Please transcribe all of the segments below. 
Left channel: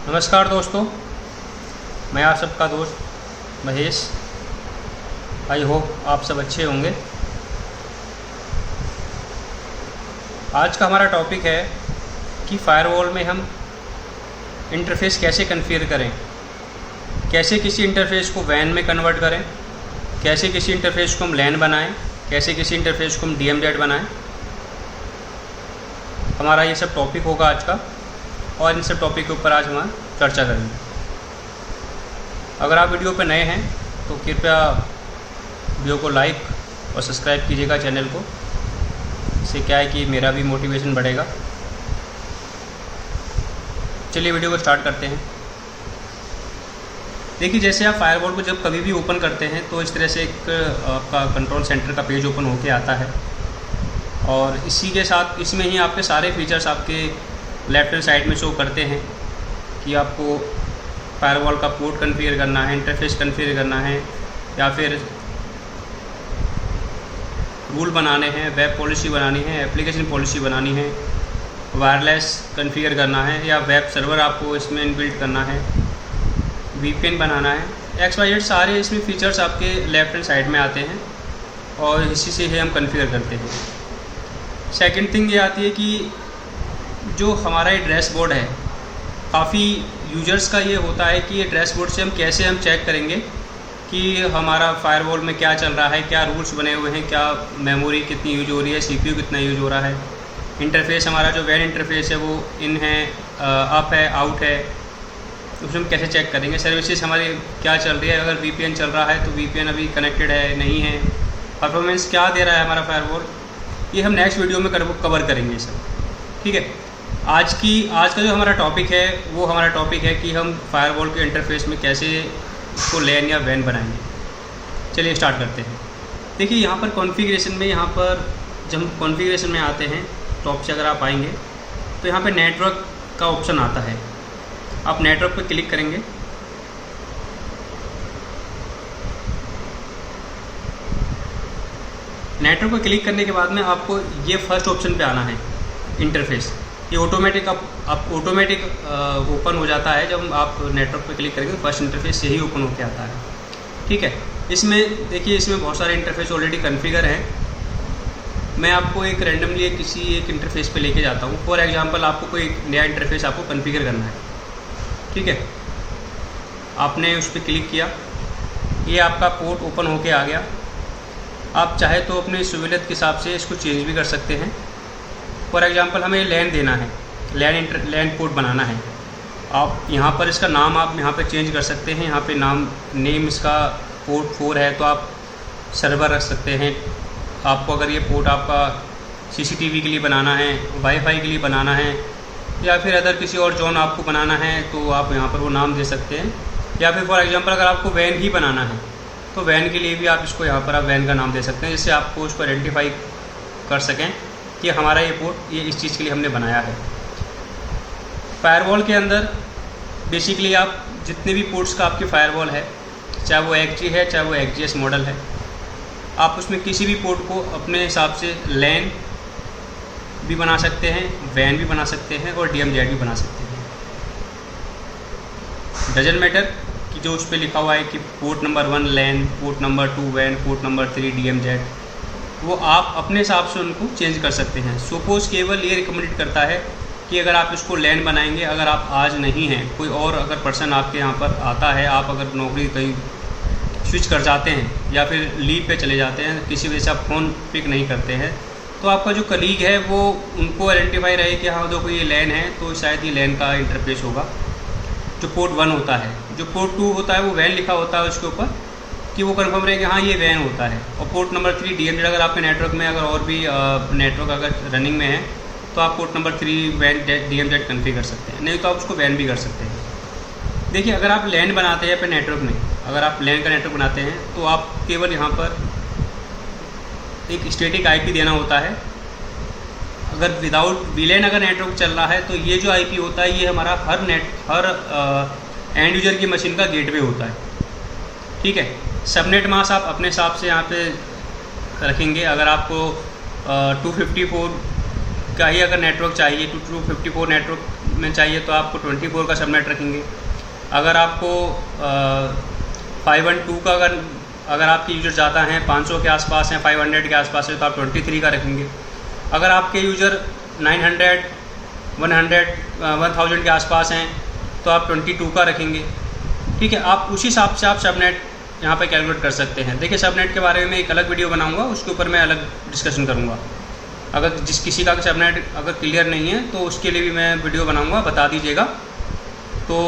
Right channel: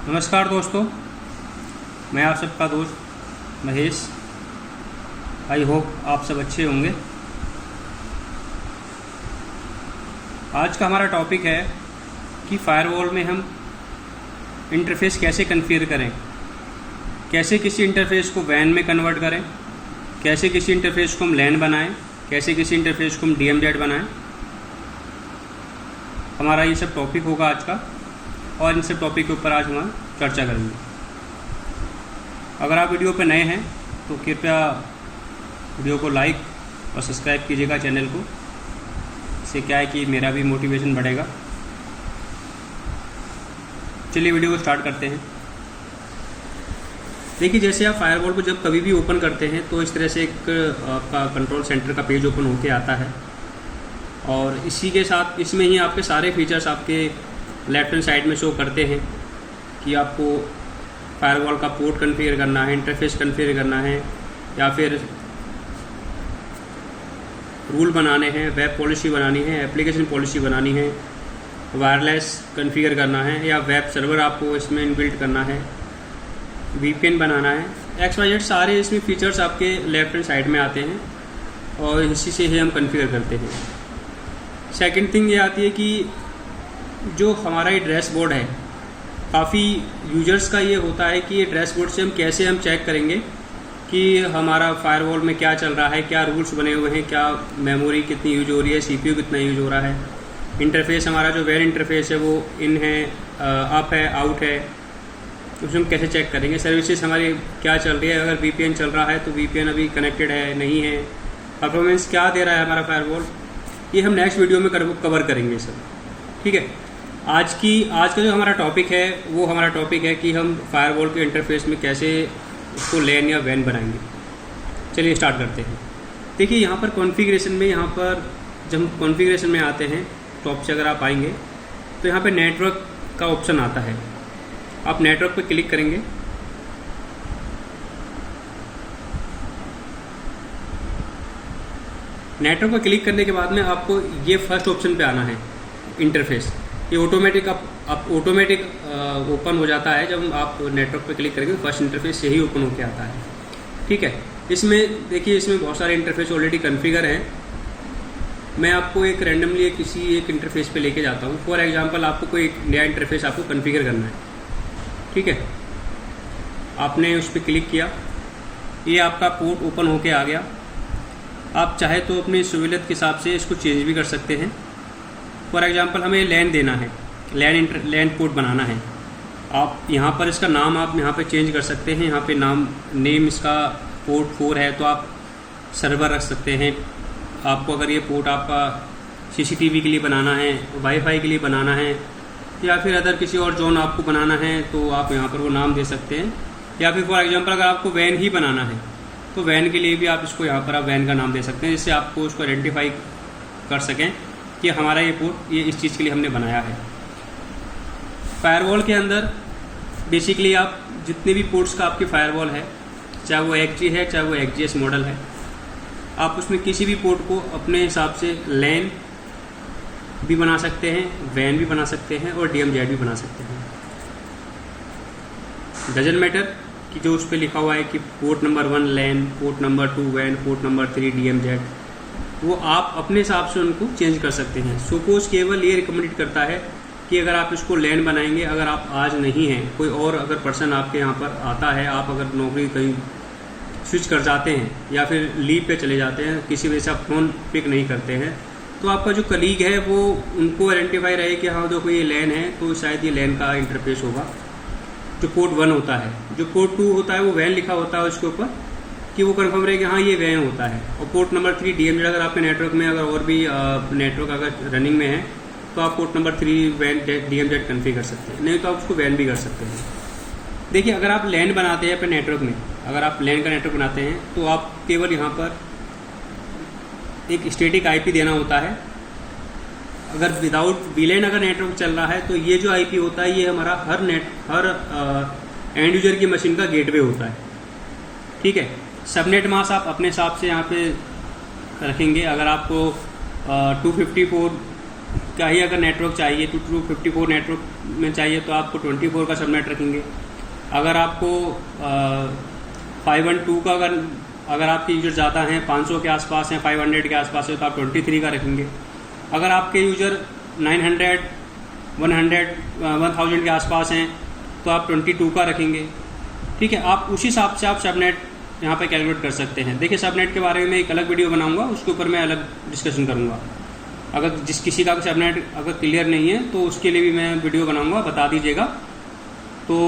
नमस्कार दोस्तों, मैं आप सबका दोस्त महेश। आई होप आप सब अच्छे होंगे। आज का हमारा टॉपिक है कि फ़ायरवॉल में हम इंटरफ़ेस कैसे कॉन्फ़िगर करें, कैसे किसी इंटरफ़ेस को वैन में कन्वर्ट करें, कैसे किसी इंटरफ़ेस को हम लैन बनाएं, कैसे किसी इंटरफ़ेस को हम DMZ बनाएं। हमारा ये सब टॉपिक होगा आज का, और इन सब टॉपिक के ऊपर आज हम चर्चा करेंगे। अगर आप वीडियो पर नए हैं तो कृपया वीडियो को लाइक और सब्सक्राइब कीजिएगा चैनल को। इससे क्या है कि मेरा भी मोटिवेशन बढ़ेगा। चलिए वीडियो को स्टार्ट करते हैं। देखिए, जैसे आप फायरवॉल को जब कभी भी ओपन करते हैं तो इस तरह से एक आपका कंट्रोल सेंटर का पेज ओपन होके आता है, और इसी के साथ इसमें ही आपके सारे फीचर्स आपके लेफ्ट हैंड साइड में शो करते हैं कि आपको फायरवॉल का पोर्ट कॉन्फ़िगर करना है, इंटरफेस कॉन्फ़िगर करना है, या फिर रूल बनाने हैं, वेब पॉलिसी बनानी है, एप्लीकेशन पॉलिसी बनानी है, वायरलेस कॉन्फ़िगर करना है, या वेब सर्वर आपको इसमें इनबिल्ट करना है, VPN बनाना है, XYZ सारे इसमें फीचर्स आपके लेफ्ट हैंड साइड में आते हैं और इसी से ही हम कॉन्फ़िगर करते हैं। सेकंड थिंग ये आती है कि जो हमारा ये डैशबोर्ड है, काफ़ी यूजर्स का ये होता है कि ये डैशबोर्ड से हम कैसे चेक करेंगे कि हमारा फायरवॉल में क्या चल रहा है, क्या रूल्स बने हुए हैं, क्या मेमोरी कितनी यूज हो रही है, CPU कितना यूज हो रहा है, इंटरफेस हमारा जो वैन इंटरफेस है वो इन है, अप है, आउट है, उसमें हम कैसे चेक करेंगे। सर्विसेज हमारी क्या चल रही है, अगर VPN चल रहा है तो VPN अभी कनेक्टेड है नहीं है, परफॉर्मेंस क्या दे रहा है हमारा फायरवॉल, ये हम नेक्स्ट वीडियो में कवर करेंगे सब। ठीक है, आज का जो हमारा टॉपिक है वो हमारा टॉपिक है कि हम फायरवॉल के इंटरफेस में कैसे उसको लैन या वैन बनाएंगे। चलिए स्टार्ट करते हैं। देखिए, यहाँ पर कॉन्फ़िगरेशन में, यहाँ पर जब हम कॉन्फ़िगरेशन में आते हैं, टॉप से अगर आप आएंगे तो यहाँ पे नेटवर्क का ऑप्शन आता है। आप नेटवर्क पर क्लिक करेंगे। नेटवर्क पर क्लिक करने के बाद में आपको ये फर्स्ट ऑप्शन पे आना है, इंटरफेस। ये ऑटोमेटिक ऑटोमेटिक ओपन हो जाता है। जब आप नेटवर्क पे क्लिक करेंगे तो फर्स्ट इंटरफेस यही ओपन होके आता है। ठीक है, इसमें देखिए, इसमें बहुत सारे इंटरफेस ऑलरेडी कॉन्फ़िगर हैं। मैं आपको एक रैंडमली किसी एक इंटरफेस पे लेके जाता हूँ। फॉर एग्जांपल, आपको कोई एक नया इंटरफेस आपको कॉन्फ़िगर करना है। ठीक है, आपने उस पर क्लिक किया, ये आपका पोर्ट ओपन होके आ गया। आप चाहे तो अपनी सहूलियत के हिसाब से इसको चेंज भी कर सकते हैं। फॉर एग्जांपल, हमें लैन देना है, लैन पोर्ट बनाना है। आप यहाँ पर इसका नाम आप यहाँ पे चेंज कर सकते हैं। यहाँ पे नेम इसका पोर्ट 4 है तो आप सर्वर रख सकते हैं। आपको अगर ये पोर्ट आपका CCTV के लिए बनाना है, वाईफाई के लिए बनाना है, या फिर अदर किसी और जोन आपको बनाना है तो आप यहाँ पर वो नाम दे सकते हैं। या फिर फॉर एग्जांपल, अगर आपको वैन ही बनाना है तो वैन के लिए भी आप इसको यहाँ पर आप वैन का नाम दे सकते हैं, जिससे आपको उसको आइडेंटिफाई कर सकें कि हमारा ये पोर्ट ये इस चीज़ के लिए हमने बनाया है। फायरवॉल के अंदर बेसिकली आप जितने भी पोर्ट्स का आपके फायरवॉल है, चाहे वो XG है चाहे वो XGS मॉडल है, आप उसमें किसी भी पोर्ट को अपने हिसाब से लैन भी बना सकते हैं, वैन भी बना सकते हैं, और DMZ भी बना सकते हैं। डजंट मैटर कि जो उस पर लिखा हुआ है कि port number 1 LAN, port number 2 वैन, पोर्ट नंबर 3 DMZ, वो आप अपने हिसाब से उनको चेंज कर सकते हैं। सपोज केवल ये रिकमेंडेड करता है कि अगर आप इसको लैन बनाएंगे, अगर आप आज नहीं हैं, कोई और अगर पर्सन आपके यहाँ पर आता है, आप अगर नौकरी कहीं स्विच कर जाते हैं या फिर लीव पे चले जाते हैं, किसी वजह से आप फ़ोन पिक नहीं करते हैं, तो आपका जो कलीग है वो उनको आइडेंटिफाई रहे कि हाँ देखो ये लैन है, तो शायद ये लैन का इंटरफेस होगा। जो पोर्ट 1 होता है, जो पोर्ट 2 होता है वो वैन लिखा होता है उसके ऊपर, कि वो कंफर्म रहे कि हाँ ये वैन होता है। और पोर्ट नंबर 3 DMZ, अगर आपके नेटवर्क में अगर और भी नेटवर्क अगर रनिंग में है तो आप पोर्ट नंबर 3 वैन DMZ कॉन्फ़िगर कर सकते हैं, नहीं तो आप उसको वैन भी कर सकते हैं। देखिए, अगर आप लैन बनाते हैं अपने नेटवर्क में, अगर आप लैन का नेटवर्क बनाते हैं तो आप केवल यहाँ पर एक स्टैटिक IP देना होता है। अगर विदाउट VLAN अगर नेटवर्क चल रहा है तो ये जो IP होता है ये हमारा हर एंड यूजर की मशीन का गेटवे होता है। ठीक है, सबनेट मास्क आप अपने हिसाब से यहाँ पे रखेंगे। अगर आपको 254 का ही अगर नेटवर्क चाहिए 254 नेटवर्क में चाहिए तो आपको 24 का सबनेट रखेंगे। अगर आपको 512 का अगर आपके यूज़र ज़्यादा हैं, 500 के आसपास हैं, 500 के आसपास है, तो आप 23 का रखेंगे। अगर आपके यूज़र 900, 1000 के आसपास हैं तो आप 22 का रखेंगे। ठीक है, आप उसी हिसाब से आप सबनेट यहाँ पे कैलकुलेट कर सकते हैं। देखिए, सबनेट के बारे में एक अलग वीडियो बनाऊंगा, उसके ऊपर मैं अलग डिस्कशन करूँगा। अगर किसी का सबनेट अगर क्लियर नहीं है तो उसके लिए भी मैं वीडियो बनाऊँगा, बता दीजिएगा, तो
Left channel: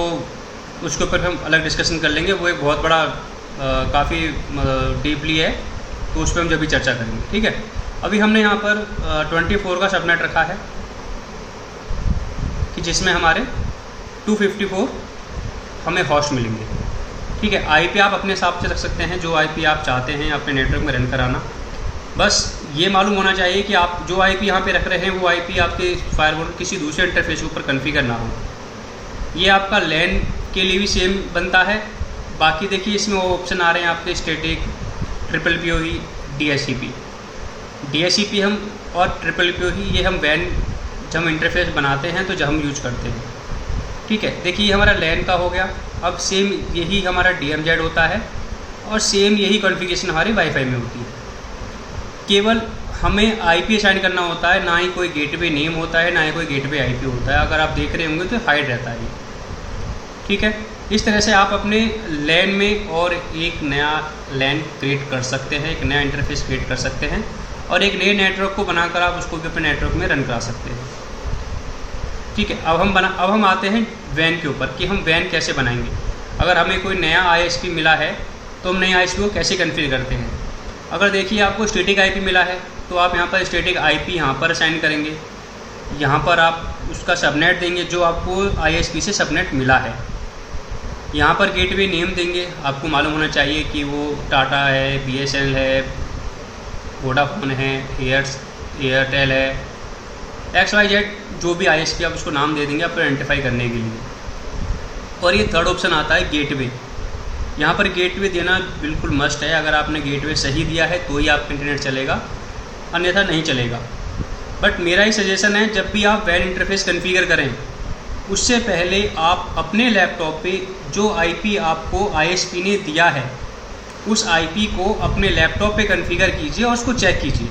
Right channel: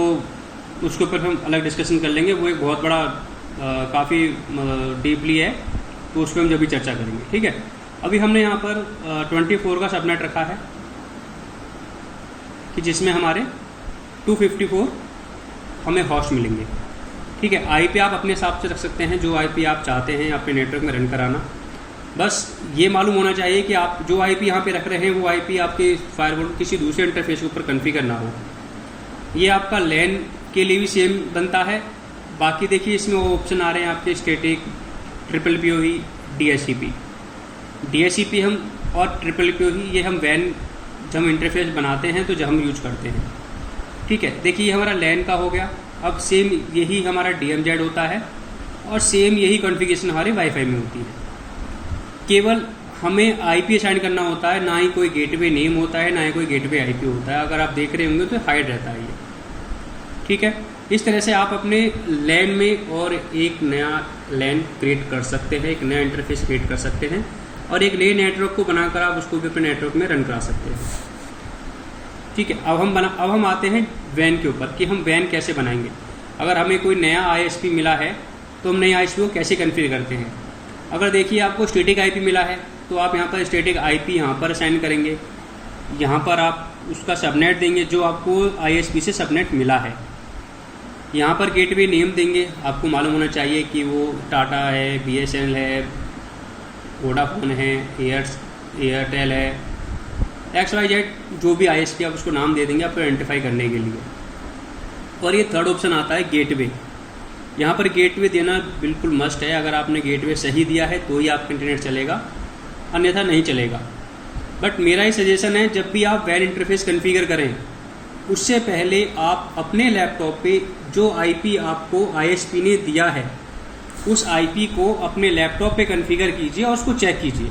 उसके ऊपर हम अलग डिस्कशन कर लेंगे। वो एक बहुत बड़ा काफ़ी डीपली है, तो उस पर हम जब भी चर्चा करेंगे। ठीक है, अभी हमने यहाँ पर 24 का सबनेट रखा है कि जिसमें हमारे 254 हमें होस्ट मिलेंगे। ठीक है, आईपी आप अपने हिसाब से रख सकते हैं, जो आईपी आप चाहते हैं अपने नेटवर्क में रन कराना। बस ये मालूम होना चाहिए कि आप जो आईपी यहाँ पे रख रहे हैं वो आईपी आपके फायरवॉल किसी दूसरे इंटरफेस के ऊपर कॉन्फ़िगर ना हो। ये आपका लैन के लिए भी सेम बनता है। बाकी देखिए, इसमें वो ऑप्शन आ रहे हैं आपके स्टैटिक, PPPoE, DHCP हम और PPPoE ये हम वैन जब हम इंटरफेस बनाते हैं तो जब हम यूज करते हैं। ठीक है, देखिए ये हमारा लैन का हो गया। अब सेम यही हमारा DMZ होता है और सेम यही कॉन्फ़िगरेशन हमारे वाईफाई में होती है। केवल हमें आईपी असाइन करना होता है, ना ही कोई गेटवे नेम होता है, ना ही कोई गेटवे आईपी होता है। अगर आप देख रहे होंगे तो हाइड रहता है ये। ठीक है, इस तरह से आप अपने लैन में और एक नया लैन क्रिएट कर सकते हैं, एक नया इंटरफेस क्रिएट कर सकते हैं और एक नए नेटवर्क को बनाकर आप उसको भी अपने नेटवर्क में रन करा सकते हैं। ठीक है, अब हम आते हैं वैन के ऊपर कि हम वैन कैसे बनाएंगे। अगर हमें कोई नया ISP मिला है तो हम नई ISP को कैसे कॉन्फ़िगर करते हैं। अगर देखिए आपको स्टैटिक आईपी मिला है तो आप यहाँ पर स्टैटिक आईपी यहाँ पर असाइन करेंगे। यहाँ पर आप उसका सबनेट देंगे जो आपको ISP से सबनेट मिला है। यहाँ पर गेटवे नेम देंगे। आपको मालूम होना चाहिए कि वो टाटा है, BSNL है, वोडाफोन है, एयरटेल है, XYZ जो भी ISP आप उसको नाम दे देंगे आपको आइडेंटिफाई करने के लिए। और ये थर्ड ऑप्शन आता है गेटवे। यहाँ पर गेटवे देना बिल्कुल मस्ट है। अगर आपने गेटवे सही दिया है तो ही आपका इंटरनेट चलेगा, अन्यथा नहीं चलेगा। बट मेरा ही सजेशन है, जब भी आप वैन इंटरफेस कॉन्फ़िगर करें उससे पहले आप अपने लैपटॉप पे जो आईपी आपको ISP ने दिया है उस आईपी को अपने लैपटॉप पे कॉन्फ़िगर कीजिए और उसको चेक कीजिए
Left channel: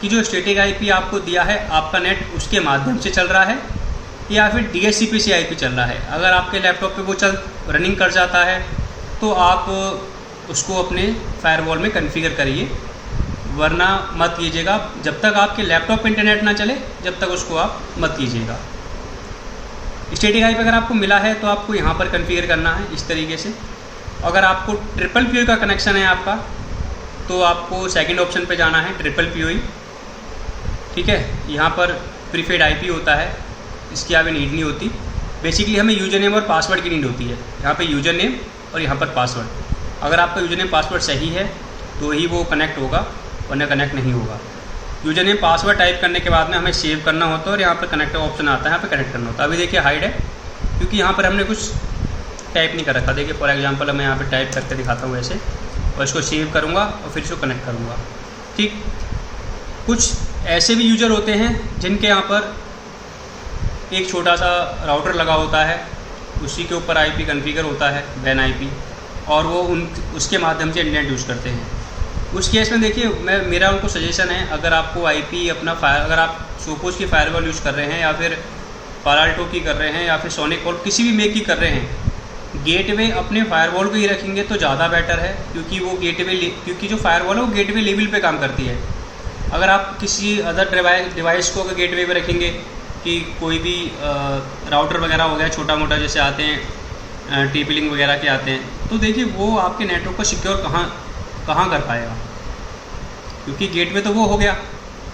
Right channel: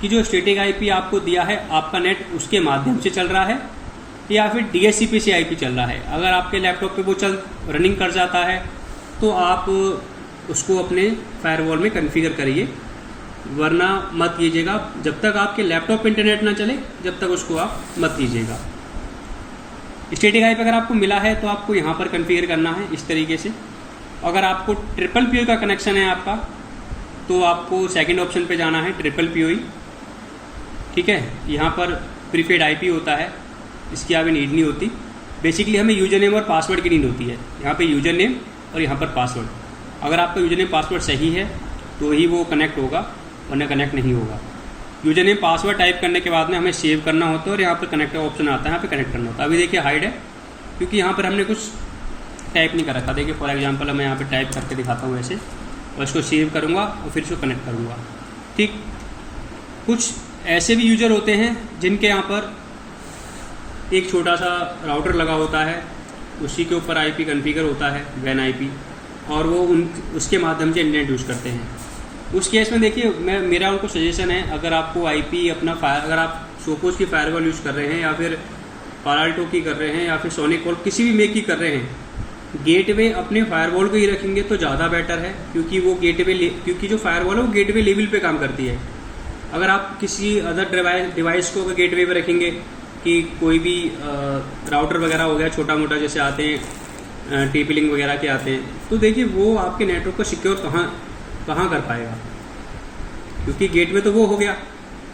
कि जो स्टैटिक आईपी आपको दिया है आपका नेट उसके माध्यम से चल रहा है या फिर DHCP से आईपी चल रहा है। अगर आपके लैपटॉप पे वो रनिंग कर जाता है तो आप उसको अपने फायरवॉल में कॉन्फ़िगर करिए, वरना मत कीजिएगा। जब तक आपके लैपटॉप पे इंटरनेट ना चले जब तक उसको आप मत कीजिएगा। स्टैटिक आईपी अगर आपको मिला है तो आपको यहाँ पर कॉन्फ़िगर करना है इस तरीके से। अगर आपको PPPoE का कनेक्शन है आपका तो आपको सेकंड ऑप्शन पे जाना है, PPPoE। ठीक है, यहाँ पर प्रीफेड आईपी होता है, इसकी अभी नीड नहीं होती। बेसिकली हमें यूज़र नेम और पासवर्ड की नीड होती है। यहाँ पे यूज़र नेम और यहाँ पर पासवर्ड। अगर आपका यूज़र नेम पासवर्ड सही है तो ही वो कनेक्ट होगा, वरना कनेक्ट नहीं होगा। यूज़र नेम पासवर्ड टाइप करने के बाद में हमें सेव करना होता है और यहाँ पर कनेक्ट ऑप्शन आता है, यहाँ पर कनेक्ट करना होता है। अभी देखिए हाइड है क्योंकि यहाँ पर हमने कुछ टाइप नहीं कर रखा। देखिए फॉर एग्जांपल मैं यहाँ पे टाइप करके दिखाता हूँ ऐसे, और इसको सेव करूँगा और फिर इसको कनेक्ट करूँगा। ठीक, कुछ ऐसे भी यूज़र होते हैं जिनके यहाँ पर एक छोटा सा राउटर लगा होता है, उसी के ऊपर आईपी कॉन्फ़िगर होता है वैन आईपी, और वो उसके माध्यम से इंटरनेट यूज़ करते हैं। उस केस में देखिए मेरा उनको सजेशन है, अगर आपको आईपी अपना अगर आप सोपोस की फायरवॉल यूज़ कर रहे हैं या फिर पालाल्टो की कर रहे हैं या फिर सोनिक वॉल किसी भी मेक की कर रहे हैं, गेटवे अपने फायरवॉल को ही रखेंगे तो ज़्यादा बेटर है। क्योंकि वो क्योंकि जो फायरवॉल है वो गेटवे लेवल पे काम करती है। अगर आप किसी अदर डिवाइस को अगर गेटवे पे रखेंगे कि कोई भी राउटर वगैरह हो गया छोटा मोटा जैसे आते हैं, TP-Link वगैरह के आते हैं, तो देखिए वो आपके नेटवर्क को सिक्योर कहाँ कर पाएगा। क्योंकि गेटवे तो वो हो गया,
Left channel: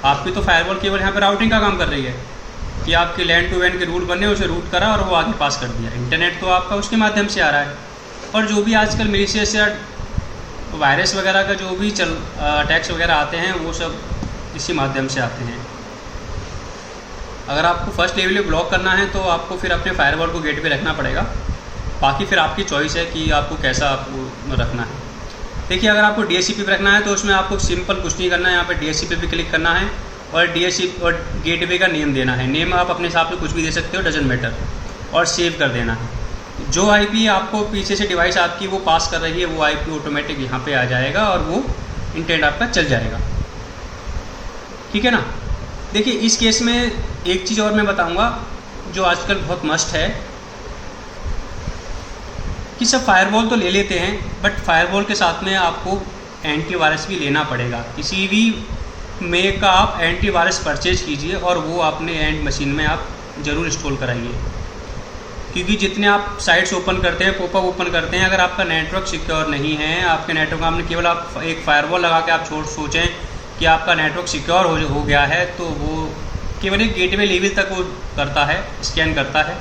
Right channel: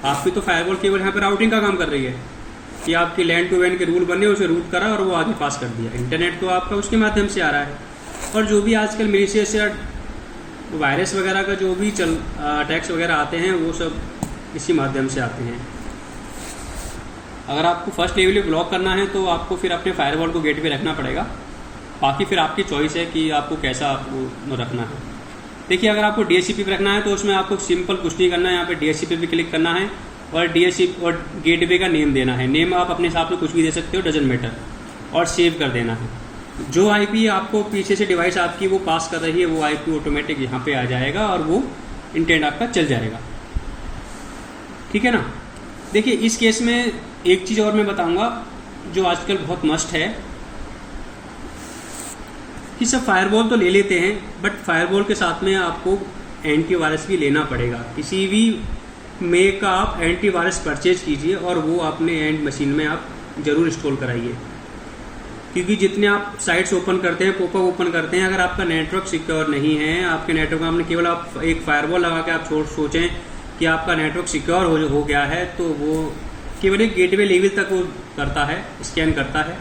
आपकी तो फायरवॉल केवल यहाँ पर राउटिंग का काम कर रही है कि आपके लैन टू वैन के रूल बने, उसे रूट करा और वो आगे पास कर दिया। इंटरनेट तो आपका उसके माध्यम से आ रहा है। और जो भी आजकल मिलीशियस या वायरस वगैरह का जो भी अटैक्स वगैरह आते हैं वो सब इसी माध्यम से आते हैं। अगर आपको फर्स्ट लेवल पे ब्लॉक करना है तो आपको फिर अपने फायरवॉल को गेट पे रखना पड़ेगा। बाकी फिर आपकी चॉइस है कि आपको कैसा आपको रखना है। देखिए अगर आपको DHCP पे रखना है तो उसमें आपको सिंपल कुछ नहीं करना है, यहाँ पे DHCP पे क्लिक करना है और DHCP और गेटवे का नेम देना है। नेम आप अपने हिसाब से कुछ भी दे सकते हो, डजंट मैटर, और सेव कर देना है। जो IP आपको पीछे से डिवाइस आपकी वो पास कर रही है वो IP ऑटोमेटिक यहाँ पे आ जाएगा और वो इंटरनेट आपका चल जाएगा। ठीक है ना। देखिए इस केस में एक चीज़ और मैं बताऊंगा जो आजकल बहुत मस्ट है कि सब फायरवॉल तो ले लेते हैं, बट फायरवॉल के साथ में आपको एंटीवायरस भी लेना पड़ेगा। किसी भी मेक का आप एंटीवायरस परचेज कीजिए और वो अपने एंड मशीन में आप ज़रूर इंस्टॉल कराइए, क्योंकि जितने आप साइट्स ओपन करते हैं, पॉपअप ओपन करते हैं, अगर आपका नेटवर्क सिक्योर नहीं है, आपके नेटवर्क में आपने केवल आप एक फायरवॉल लगा के आप सोचें कि आपका नेटवर्क सिक्योर हो गया है, तो वो केवल एक गेटवे लेवल तक वो करता है, स्कैन करता है।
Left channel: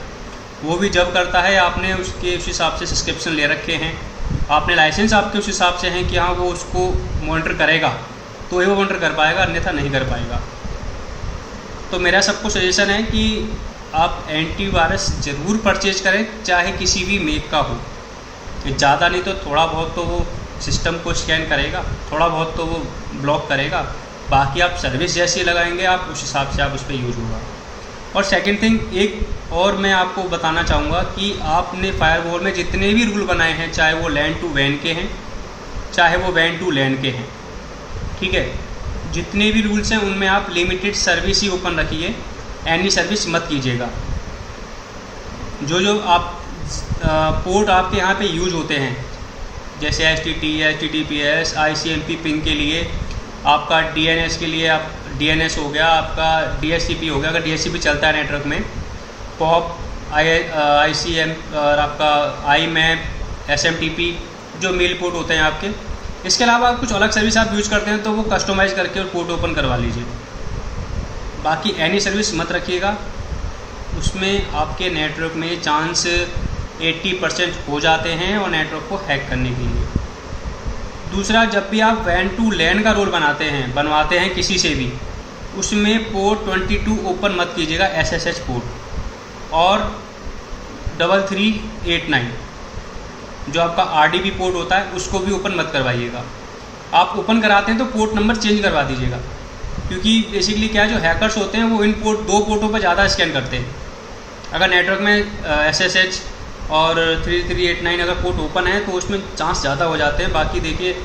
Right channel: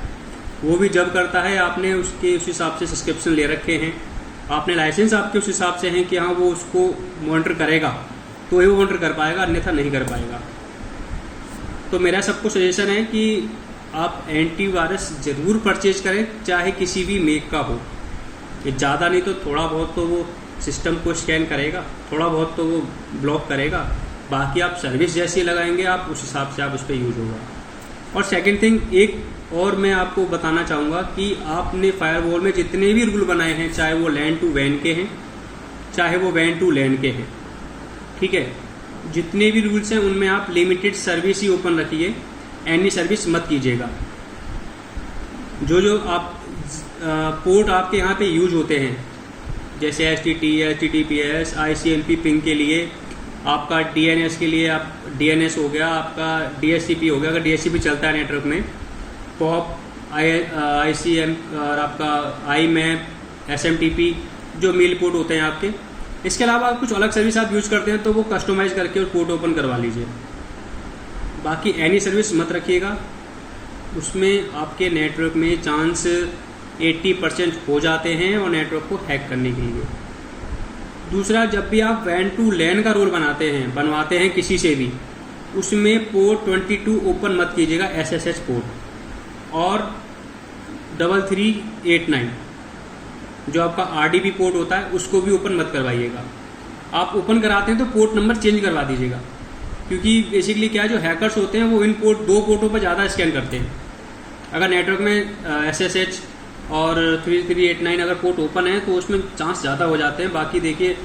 वो भी जब करता है आपने उसके उस हिसाब से सब्सक्रिप्शन ले रखे हैं, आपने लाइसेंस आपके उस हिसाब से हैं कि हाँ वो उसको मॉनिटर करेगा तो ही वो मॉनिटर कर पाएगा, अन्यथा नहीं कर पाएगा। तो मेरा सबको सजेशन है कि आप एंटीवायरस ज़रूर परचेज करें, चाहे किसी भी मेक का हो। ज़्यादा नहीं तो थोड़ा बहुत तो वो सिस्टम को स्कैन करेगा, थोड़ा बहुत तो वो ब्लॉक करेगा, बाकी आप सर्विस जैसी लगाएंगे आप उस हिसाब से आप उस पर यूज़ होगा। और सेकंड थिंग एक और मैं आपको बताना चाहूँगा कि आपने फायरवॉल में जितने भी रूल बनाए हैं, चाहे वो लैन टू वैन के हैं, चाहे वो वैन टू लैन के हैं, ठीक है, जितने भी रूल्स हैं उनमें आप लिमिटेड सर्विस ही ओपन रखिए, एनी सर्विस मत कीजिएगा। जो आप पोर्ट आपके यहाँ पे यूज होते हैं, जैसे HTTP, HTTPS, ICMP पिंग के लिए, आपका DNS के लिए आप DNS हो गया, आपका DHCP हो गया, अगर DHCP चलता है नेटवर्क में, POP, ICM और आपका IMAP, SMTP जो मेल पोर्ट होते हैं आपके। इसके अलावा कुछ अलग सर्विस आप यूज करते हैं तो वो कस्टमाइज़ करके और पोर्ट ओपन करवा लीजिए। बाकी एनी सर्विस मत रखिएगा, उसमें आपके नेटवर्क में चांस 80% हो जाते हैं और नेटवर्क को हैक करने के लिए। दूसरा, जब भी आप वैन टू लैन का रोल बनवाते हैं किसी से भी, उसमें पोर्ट 22 ओपन मत कीजिएगा, SSH पोर्ट, और 3389 जो आपका RDP पोर्ट होता है उसको भी ओपन मत करवाइएगा। आप ओपन कराते हैं तो पोर्ट नंबर चेंज करवा दीजिएगा, क्योंकि बेसिकली क्या है, जो हैकर्स होते हैं वो इन दो पोर्टों पर ज़्यादा स्कैन करते हैं। अगर नेटवर्क में SSH और 3389 अगर पोर्ट ओपन है तो उसमें चांस ज़्यादा हो जाते हैं। बाकी देखिए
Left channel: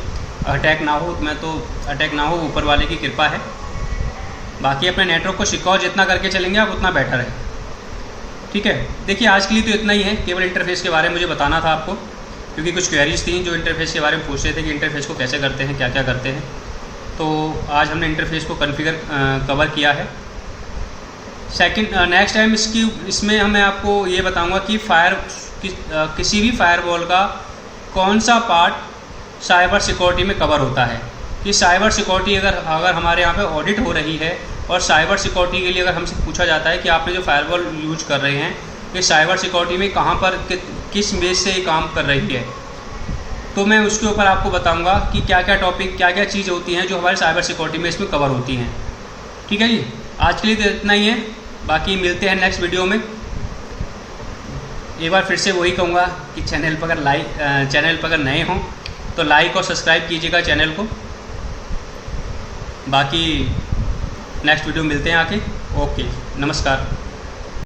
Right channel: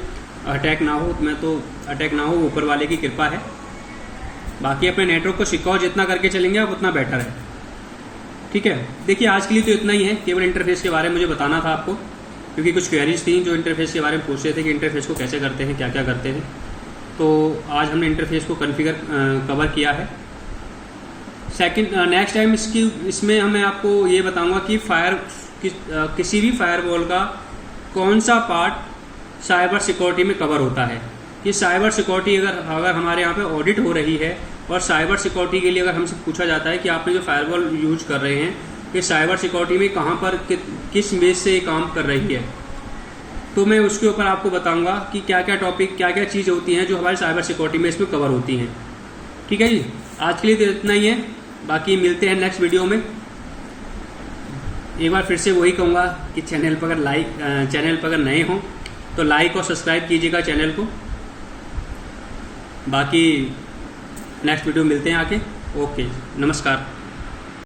अटैक ना हो, मैं तो अटैक ना हो, ऊपर वाले की कृपा है। बाकी अपने नेटवर्क को सिक्योर जितना करके चलेंगे आप उतना बेटर है। ठीक है, देखिए आज के लिए तो इतना ही है, केवल इंटरफेस के बारे में मुझे बताना था आपको, क्योंकि कुछ क्वेरीज थी जो इंटरफेस के बारे में पूछ रहे थे कि इंटरफेस को कैसे करते हैं, क्या क्या करते हैं। तो आज हमने इंटरफेस को कवर किया है। नेक्स्ट टाइम इसमें मैं आपको ये बताऊंगा कि किसी भी फायरवॉल का कौन सा पार्ट साइबर सिक्योरिटी में कवर होता है, कि साइबर सिक्योरिटी अगर हमारे यहाँ पे ऑडिट हो रही है और साइबर सिक्योरिटी के लिए अगर हमसे पूछा जाता है कि आपने जो फायरवॉल यूज कर रहे हैं कि साइबर सिक्योरिटी में कहाँ पर किस बेस से ये काम कर रही है, तो मैं उसके ऊपर आपको बताऊंगा कि क्या क्या टॉपिक, क्या क्या चीज़ होती हैं जो हमारे साइबर सिक्योरिटी में इसमें कवर होती हैं। ठीक है जी, आज के लिए तो इतना ही है, बाकी मिलते हैं नेक्स्ट वीडियो में। एक बार फिर से वही कहूँगा कि चैनल पर अगर नए हों तो लाइक और सब्सक्राइब कीजिएगा चैनल को। बाकी नेक्स्ट वीडियो मिलते हैं आके। ओके, नमस्कार।